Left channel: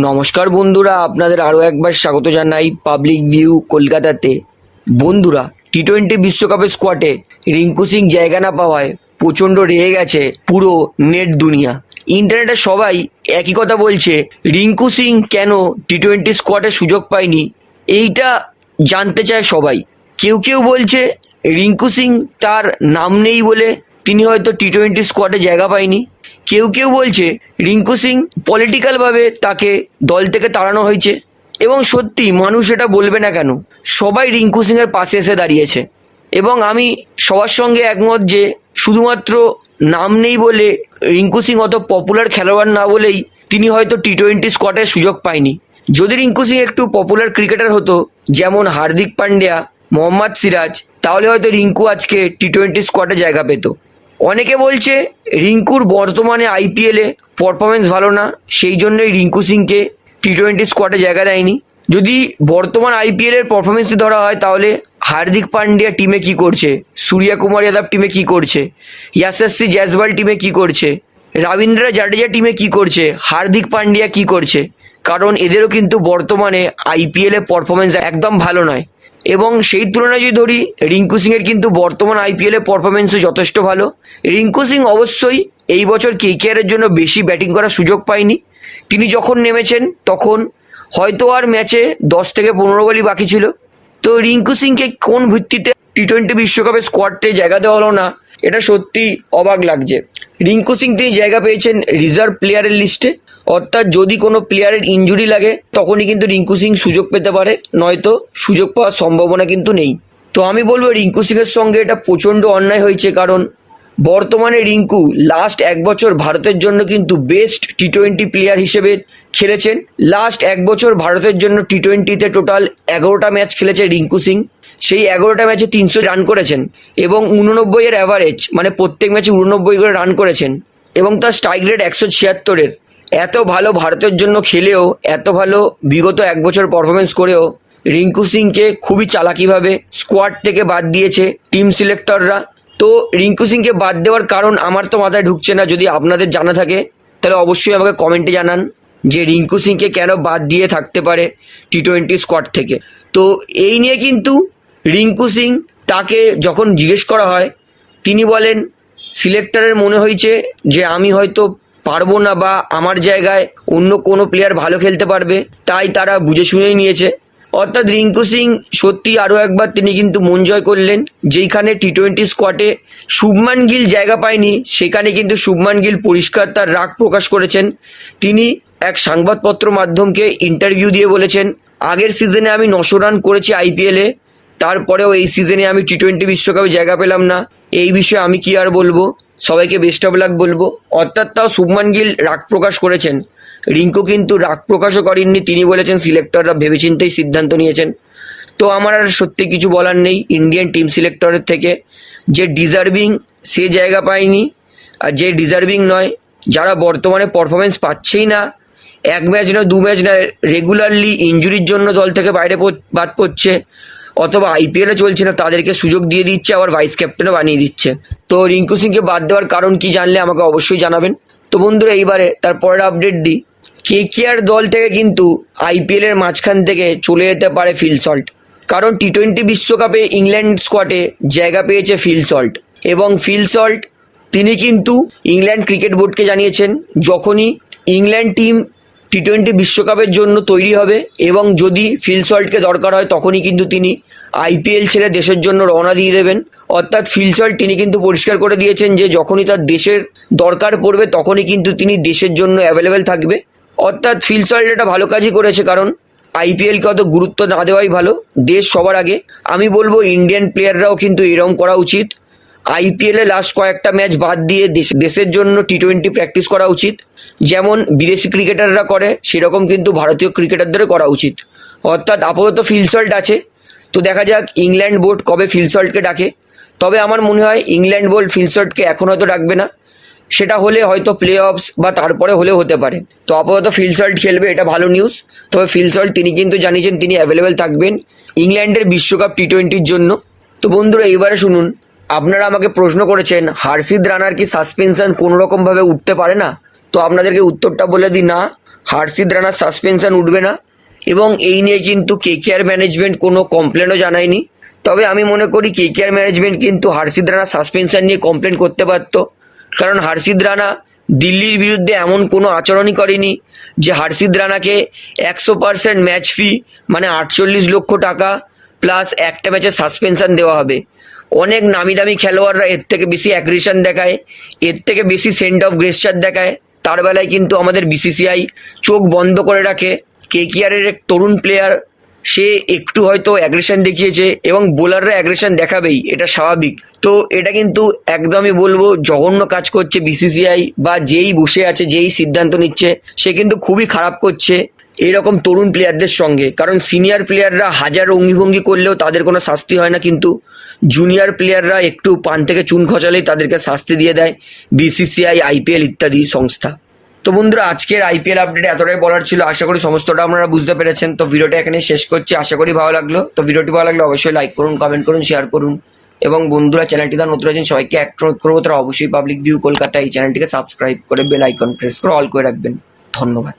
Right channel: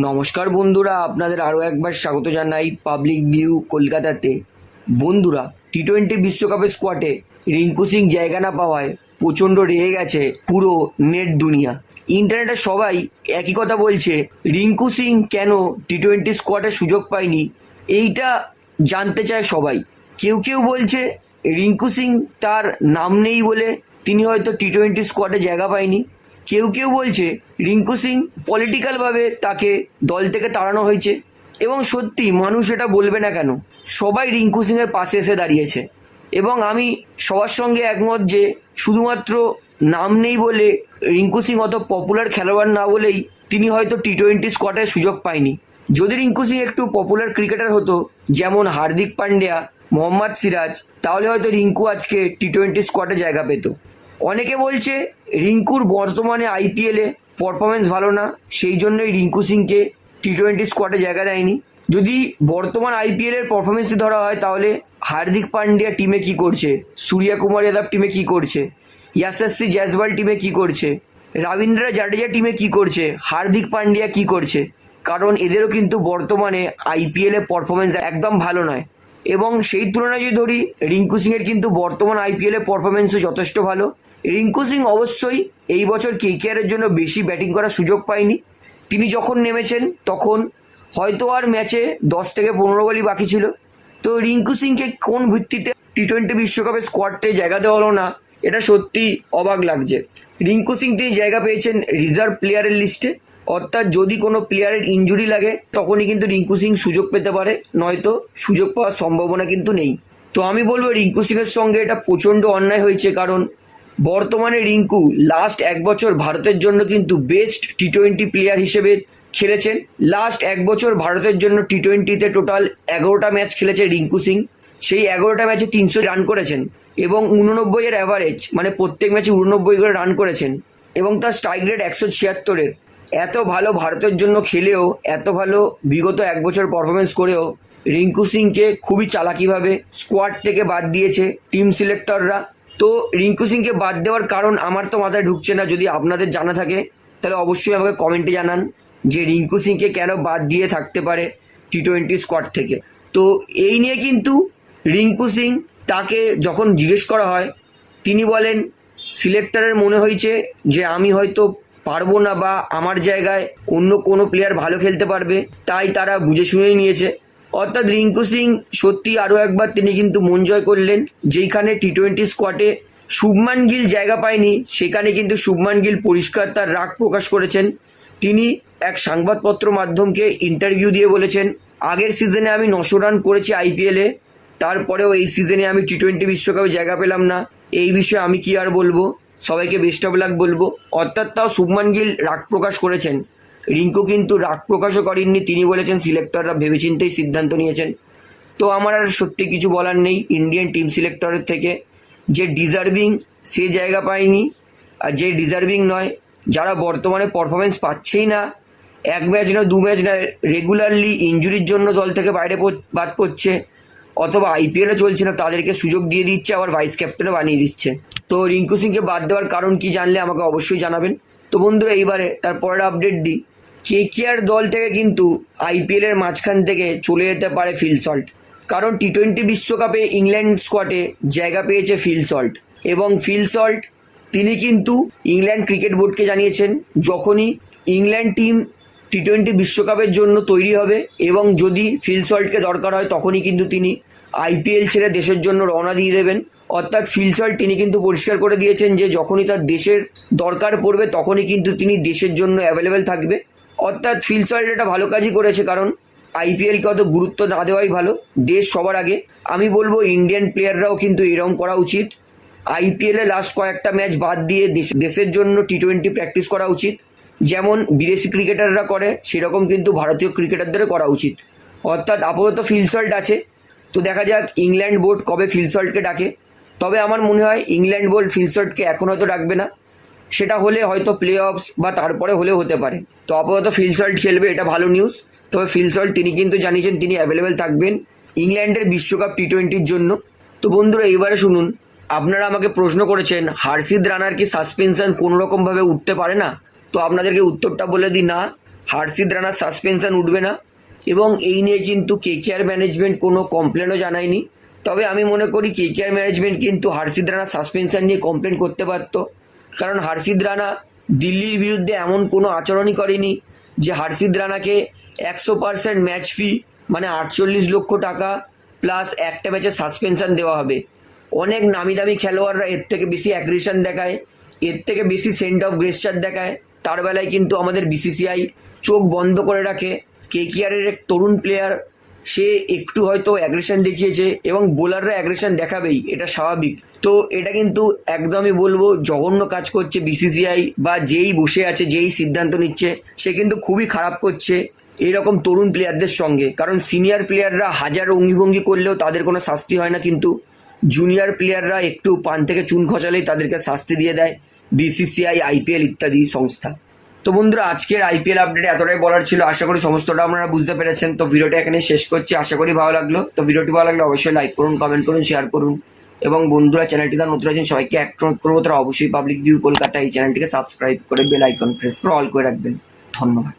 নমস্কার বন্ধুরা, আপনাদের আরও একবার স্বাগত জানাই পাবলিক ভিউ কলকাতাতে। বন্ধুরা টি টোয়েন্টি বিশ্বকাপের স্কোয়াডে রিঙ্কু সিং জায়গা না পাওয়ায় প্রচণ্ড রেগে গেছে পুরো নেট দুনিয়া। ইন্টারনেটে সবাই একই কথা বলছে, রিঙ্কু সিং কেন টি টোয়েন্টি স্কোয়াডে সুযোগ পায়নি? এইটা জানতে চায় সবাই। কেউ কেউ বলছে, রিঙ্কু সিং তার নাম নেই বলে তিনি হয়তো টি টোয়েন্টি স্কোয়াডে জায়গা পায়নি। কেউ কেউ বলছে, রিঙ্কু সিং পলিটিক্যালভাবে তাকে দল থেকে তাড়ানো হয়েছে। এবং সত্যি মানুষ এটা বলবে না কেন, সবাই রিঙ্কু সিংয়ের পাশে এসে দাঁড়িয়েছে। এবং আমি সবার সঙ্গে একমত যে শুধুমাত্র নাম নেই বলে রিঙ্কু সিং অত পপুলার খেলোয়াড় না বলেই তিনি হয়তো টি টোয়েন্টি স্কোয়াডে সুযোগ পায়নি। যদি রিঙ্কু সিং একটু পপুলার ক্রিকেটার হতো, যেমন হার্দিক পান্ডিয়া, মোহাম্মদ সিরাজ, তাহলে হয়তো রিঙ্কু আজকে টি টোয়েন্টি স্কোয়াডে জায়গা পেত। অনেকে বলছে রিঙ্কুর বর্তমানে আইপিএলে পারফরমেন্স ভালো না, সেই জন্যই রিঙ্কু সিংকে টি টোয়েন্টি স্কোয়াডে জায়গা দেয়নি। যদি বর্তমান আইপিএলের পারফরমেন্সই ধরা হয়, তাহলে হার্দিক পান্ডিয়া টিমে কি করছে? সূর্যা কুমার যাদব টিমে কি করছে? ইয়াশস্বী জয়সওয়াল টিমে কি করছে? রবীন্দ্র জাডেজা টিমে কি করছে? হার্দিক পান্ডিয়া কি করছে? কারণ এদেরও কিন্তু বর্তমানে আইপিএলে পারফরমেন্স একদম ভালো নয়। এবং সেই তুলনায় যদি ধরি, রিঙ্কু সিংয়ের কিন্তু বর্তমান আইপিএলে পারফরমেন্সও যথেষ্ট ভালো। রিঙ্কু সিং অবশ্যই এই বছর কেকেআরের জন্য বেশি ব্যাটিং করার সুযোগ পায়নি। তিনি যখন নেমেছেন, তখন হয়তো আর ম্যাচে দশ থেকে পনেরো বলই বাকি ছিল। তো রিঙ্কু সিংকে কোন ভিত্তিতে টি টোয়েন্টি বিশ্বকাপের স্কোয়াডে জায়গা দেওয়া হলো না, এটা সত্যি অবাক লাগছে। রিঙ্কু সিং তিনি জায়গা পেয়েছেন রিজার্ভ প্লেয়ারের লিস্টে অর্থাৎ যদি কোনো প্লেয়ারের ইনজুরি লাগে, তখনই কিন্তু রিঙ্কু সিং সুযোগ পেতে পারে, নয়তো সুযোগ পাওয়ার সম্ভাবনা কিন্তু নেই। তো আমি বলব রিঙ্কু সিংয়ের সঙ্গে এটা প্রচণ্ড অন্যায় হয়েছে, কারণ বর্তমানে রিঙ্কু লাস্ট এক বছর ভারতের জন্য কিন্তু বেস্ট টি টোয়েন্টি প্লেয়ার হিসেবে খেলেছেন। লাস্ট এক বছর ভারতের জন্য টি টোয়েন্টিতে টোটাল এগারোটা ম্যাচ খেলেছে রিঙ্কু সিং। সেই এগারোটা ম্যাচে তিনশো রান করেছেন এবং উননব্বই এর অ্যাভারেজ মানে প্রত্যেক ম্যাচে উননব্বই করে রান করেছেন এবং তার স্ট্রাইক রেট একশো ছিয়াত্তরের। এত ভালো ভারতের জন্য খেলেও, এত ভালো বিগত এক বছর পারফরমেন্স করেও, রিঙ্কু সিংকে খুবই চালাকিভাবে স্কোয়াড থেকে বাদ দিয়েছে টিম সিলেক্টররা তো রিঙ্কু সিংকে বাদ দেওয়ার কারণ আমার তো মাথায় ঢুকছে না, যদি আপনাদের জানা থাকে, তাহলে অবশ্যই আমাকে কমেন্টে জানান যে রিঙ্কু সিংকে কেন বাদ দিয়ে থাকতে পারে টি টোয়েন্টি স্কোয়াড থেকে। তো এই নিয়ে কিন্তু রিঙ্কু সিং তাকে যখন জিজ্ঞেস করা হয়, তিনি বলেন সিলেক্টরের মনে হয়েছে যে আমি হয়তো পারব না বা আমার জায়গায় অন্য কোনো প্লেয়ার ভালো খেলতে পারবে, তাই তারা বুঝে শুনেই নিয়েছে। অর্থাৎ রিঙ্কু সিং সত্যি আরও একবার তিনি কিন্তু মন জয় করলেন, যেইখানে টি টোয়েন্টি স্কোয়াডে শুভমান গিল জায়গা পায়নি, সেখানে কিন্তু শুভমান গিল পরিষ্কার তার রাগ প্রকাশ করেছেন। তিনি এক সংবাদপত্র মাধ্যমকে ইন্টারভিউ দিয়ে বলেছেন, আগের সিজনে আমি নশো রান করেছি আইপিএলে তারপরেও এই সিজনে আমি টি টোয়েন্টি বিশ্বকাপে জায়গা পেলাম না, এই বিষয়ে আমি কি আর বলব? সবাইকে বেস্ট অফ লাক বলব। অর্থাৎ তাও শুভমান গিল রাগ প্রকাশ করেছেন। রিঙ্কু কিন্তু রাগ প্রকাশও করেননি। তিনি বলেছেন সিলেক্টররা ভেবেচিন্তেই সিদ্ধান্ত নিয়েছেন। তো আমার আর সত্যি কিছু বলার নেই। ইন্ডিয়ান টিম সিলেক্টরের থেকে যে ডিজার্ভিং সে জায়গা পায়নি আর যে ডিজার্ভিং নয়, যারা বর্তমানে পারফরমেন্স পাচ্ছেই না, এক ম্যাচ না দু ম্যাচ নয় রেগুলারলি ইঞ্জুরির জন্য দল থেকে বাইরে বাদ পড়ছে। অথবা আইপিএলে চলছে না, তাদেরকে সুযোগ দিয়ে দিচ্ছে, আবার ভাইস ক্যাপ্টেনও বানিয়ে দিচ্ছে। তো রিঙ্কু সিংকে বাদ দেওয়ার কারণ কি জানলে আমাকে অবশ্যই জানাবেন। তো বন্ধুরা, এইবারে তার পরের আপডেট দিই। কেকেআর দল থেকে কিন্তু আইপিএলের মাঝখান থেকে চলে যেতে পারে ফিল সল্ট কারণ টি টোয়েন্টি বিশ্বকাপে ইংল্যান্ড স্কোয়াডে জায়গা পেয়েছে ফিল সল্ট এবং ফিল সল্ট তিনি কিন্তু ইংল্যান্ড ক্রিকেট বোর্ডকে জানিয়েছেন, যখনই ইংল্যান্ড টিম টি টোয়েন্টি বিশ্বকাপের জন্য তৈরি হবে এবং যদি ফিলসল্টকে দরকার হয় তখনই কিন্তু তিনি আইপিএল ছেড়ে দেশের জন্য রওনা দিয়ে দেবেন। অর্থাৎ ফিলসল্ট তিনি কিন্তু পরিষ্কার করে দিয়েছেন যে যখনই তার দেশের দরকার পড়বে তখনই কিন্তু তিনি দেশের জন্য অ্যাভেলেবেল থাকবে। অর্থাৎ ফিলসল্ট এটা ভালো কাজই করেছে কারণ আইপিএলকে অত গুরুত্ব না দেওয়াই ভালো। দেশ সবার আগে। আমি বলব ইন্ডিয়ান প্লেয়াররাও কিন্তু এরম করা উচিত। আইপিএলে লাস্ট কয়েকটা ম্যাচ বাদ দিয়ে দেশ- দেশের জন্য টি টোয়েন্টি প্র্যাকটিস করা উচিত। যেমন বিদেশি ক্রিকেটাররা করে, সেরকম কিন্তু ভারতীয় ক্রিকেটারদেরও করা উচিত। অর্থাৎ আপাতত ফিলসল্ট আছে। তো দেখা যাক ইংল্যান্ড বোর্ড কবে ফিলসল্টকে ডাকে। তবে আমার মনে হয় ইংল্যান্ড বোর্ড ফিলসল্টকে এখন হয়তো ডাকবে না। সেটা হলে হয়তো প্লে অফস বা তারপরে হলেও হতে পারে। তো আপাতত ফিলসল্ট খেলবে, এটা ভালো নিউজ তবে ফিলসল্ট তিনি কিন্তু জানিয়েছেন তিনি অ্যাভেলেবেল থাকবেন ইংল্যান্ডের বিশ্বকাপ টি টোয়েন্টির জন্য। তো বন্ধুরা, এইবারে শুনুন, আপনারা আমাকে প্রশ্ন করেছেন হার্ষিদ রানার কি সাসপেনশন কোনোরকমভাবে উঠতে পারে না? তো আপনাদেরকে উত্তরটা বলে দিই, না হার্ষিদ রানার সাসপেনশন উঠবে না এবং এই নিয়ে কিন্তু কেকেআর ম্যানেজমেন্ট কোনো কমপ্লেনও জানায়নি। তবে আমি মনে করি কেকেআর ম্যানেজমেন্ট কিন্তু হার্ষিদ রানার সাসপেনশন নিয়ে কমপ্লেন করতে পারতো কারণ হার্ষিদ রানা দিল্লির বিরুদ্ধে এমন কোনো আচরণই করেনি যে হার্ষিদ রানাকে একশো পার্সেন্ট ম্যাচ ফি মানে আটচল্লিশ লক্ষ টাকা প্লাস একটা ম্যাচের সাসপেনশন দেওয়া হবে। অনেক নামি দামি খেলোয়াড়রা এর থেকে বেশি অ্যাগ্রেশন দেখায়, এর থেকে বেশি সেন্ট অফ গ্রেসচার দেখায়। তার বেলায় কিন্তু আমাদের বিসিসিআই চোখ বন্ধ করে রাখে। কেকিআরের এক তরুণ প্লেয়ার সে একটু হয়তো অ্যাগ্রেশন দেখিয়েছে এবং বোলাররা অ্যাগ্রেশন দেখাবেই, এটা স্বাভাবিক। তো এটা কিন্তু একদমই বলব জঘন্য কাজ করছে বিসিসিআই বা যেই বসে আছে, যেই সিদ্ধান্ত নিচ্ছে, সে কিন্তু খুবই খারাপ করছে এরকম তরুণ প্লেয়ারদের সঙ্গে। কারণ সিনিয়র প্লেয়াররা হাজার অঙ্গিভঙ্গি করলেও তাদের কোনো শাস্তি হয় না কিন্তু। জুনিয়র প্লেয়াররা একটু পান থেকে চুন খচালেই তাদেরকে শাস্তি দিয়ে দেয়। বিসিসিআই আইপিএল ইত্যাদি সংস্থা। তো বন্ধুরা, আজকের আইপিএল আপডেট এতটাই বলার ছিল। আশা করি সমস্তটা আপনারা বুঝতে পেরেছেন। তো ভিডিওটা এখানে শেষ করছি। আশা করি ভালো লাগল। তো ভিডিওটি ভালো লাগলে অবশ্যই লাইক করুন কমেন্ট করুন শেয়ার করুন। এবং বন্ধুরা, চ্যানেলটি তার নতুন আছেন, সবাইকে এক করব, তারা অবশ্যই পাবলিক ভিউ কলকাতা এই চ্যানেলটিকে সাবস্ক্রাইব করে বেল আইকন প্রেস করে অল করে রাখবেন। ধন্যবাদ।